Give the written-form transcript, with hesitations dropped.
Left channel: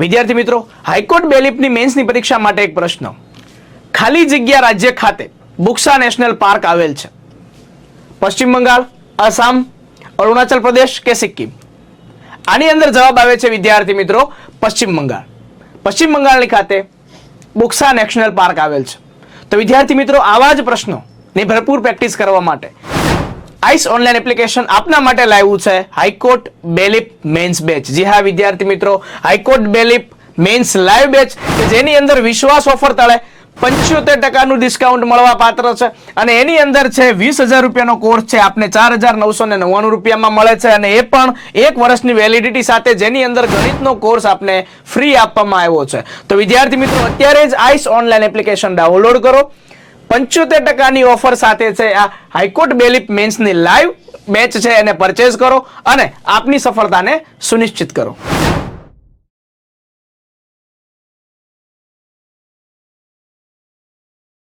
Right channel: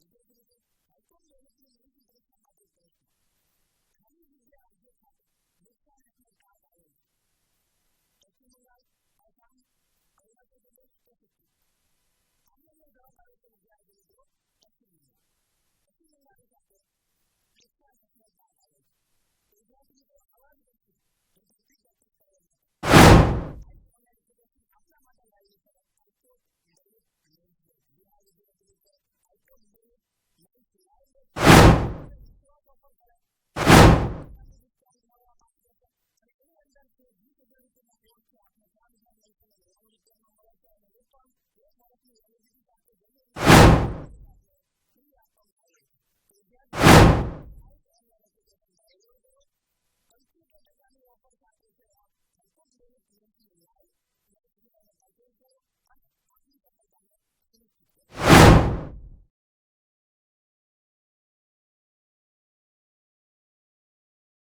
વિદ્યાર્થી મિત્રો, હાઈકોર્ટ બેલીફની મેન્સની પરીક્ષા માટે એક પ્રશ્ન. ખાલી જગ્યા રાજ્ય ખાતે બુક્સા નેશનલ પાર્ક આવેલ છે? પશ્ચિમ બંગાળ, આસામ, અરુણાચલ પ્રદેશ કે સિક્કિમ? આની અંદર જવાબ આવે છે વિદ્યાર્થી મિત્રો પશ્ચિમ બંગાળ. પશ્ચિમ બંગાળની ખાતે બુક્સા નેશનલ પાર્ક આવેલ છે. તો વિદ્યાર્થી મિત્રો, આવા જ પ્રશ્નોની ભરપૂર પ્રેક્ટિસ કરવા માટે આઈસ ઓનલાઈન એપ્લિકેશન આપના માટે લાવ્યું છે હાઈકોર્ટ બેલીફ મેન્સ બેચ. જી હા વિદ્યાર્થી મિત્રો, high court bailiff mains live batch, જેની અંદર વિશ્વાસ ઓફર તળે 75% ડિસ્કાઉન્ટ મળવા પાત્ર છે અને એની અંદર છે 20,000 રૂપિયાનો કોર્સ છે, આપને 4,999 રૂપિયામાં મળે છે અને એ પણ 1 વર્ષની વેલિડિટી સાથે, જેની અંદર ગણિતનો કોર્સ આપને ફ્રી આપવામાં આવ્યો છે. તો વિદ્યાર્થી મિત્રો, અત્યારે જ આઈસ ઓનલાઈન એપ્લિકેશન ડાઉનલોડ કરો. 75% ઓફર સાથે છે આ હાઈકોર્ટ બેલીફ મેન્સની લાઈવ બેચ છે, એને પરચેઝ કરો અને આપની સફળતાને સુનિશ્ચિત કરો.